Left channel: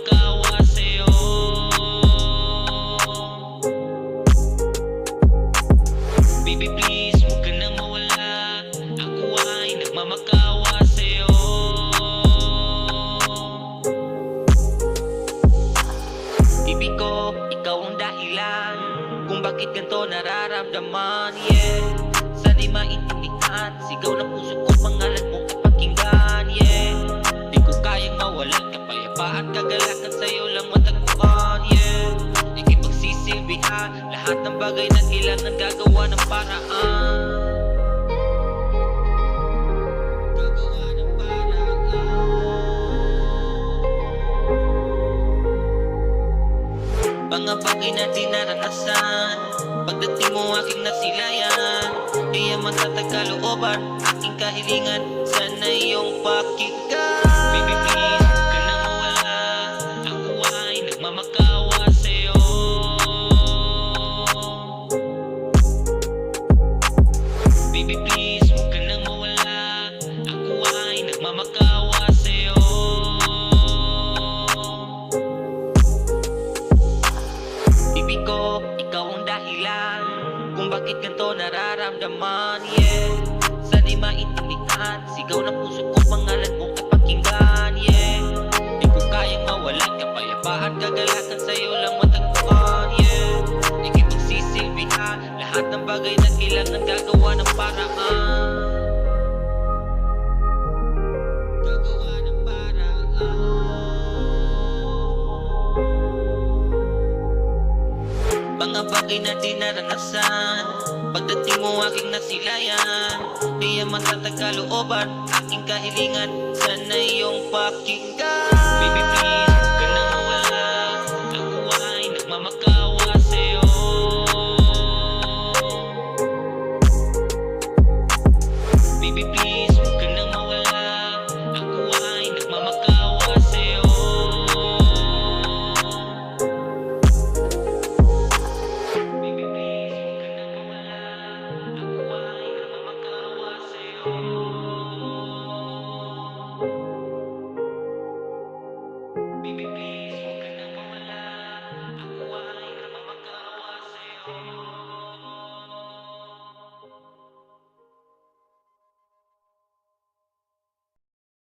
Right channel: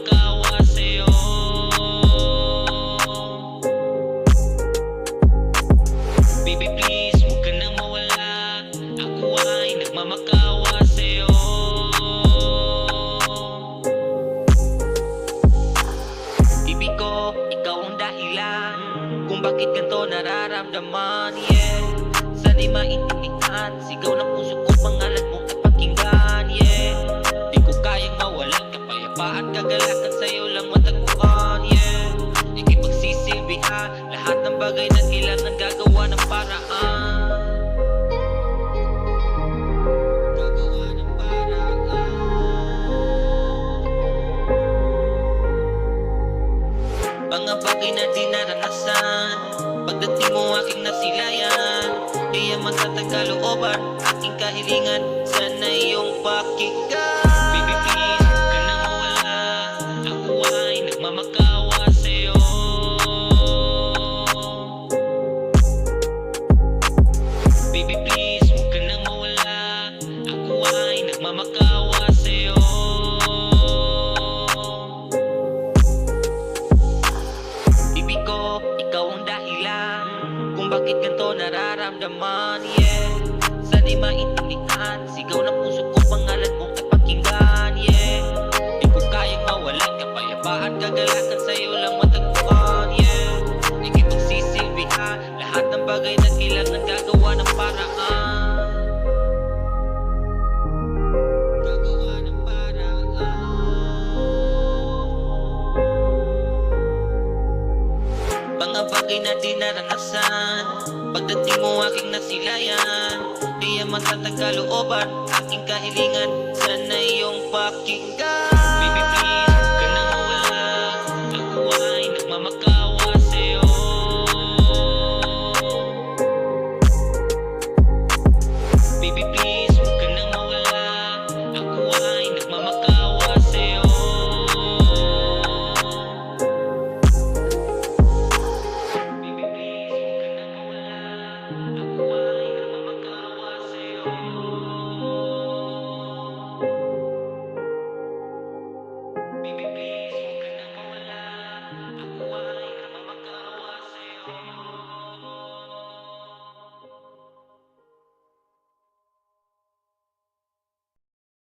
nagmamakawa sa'yo. Baby please, huwag ka nang mawala. Ako ay nagmamakawa sa'yo. Ibig ko, ikaw ang dahilan kung bakit ganito nararamdaman, yeah. Sa di maintindihan, sigaw ng puso ko, pangalan mo ay pakinggan, yeah. Di ko kayang mawalan, kapayapaan, kagalakan sa'yo lang matagpuan, yeah. Ikipagsisilbihan, lahat ng bagay na kailangan gagawa ng paraan. Gagawa ng paraan. Mga bagay na di naranasan, pagdating mo aking nasilayan. Di yaman tatagkalooban, aking kahilingan, sana iyong pakinggan. Baby please, huwag ka nang mawala. Ako ay nagmamakawa sa'yo. Baby please, huwag ka nang mawala. Ako ay nagmamakawa sa'yo. Ibig ko, ikaw ang dahilan kung bakit ganito nararamdaman, yeah. Sa di maintindihan, sigaw ng puso ko, pangalan mo ay pakinggan, yeah. Di ko kayang mawalan, kapayapaan, kagalakan sa'yo lang matagpuan, yeah. Ikipagsisilbihan, lahat ng bagay na kailangan gagawa ng paraan. Gagawa ng paraan. Mga bagay na di naranasan, pagdating mo aking nasilayan. Di yaman tatagkalooban, aking kahilingan, sana iyong pakinggan. Baby please,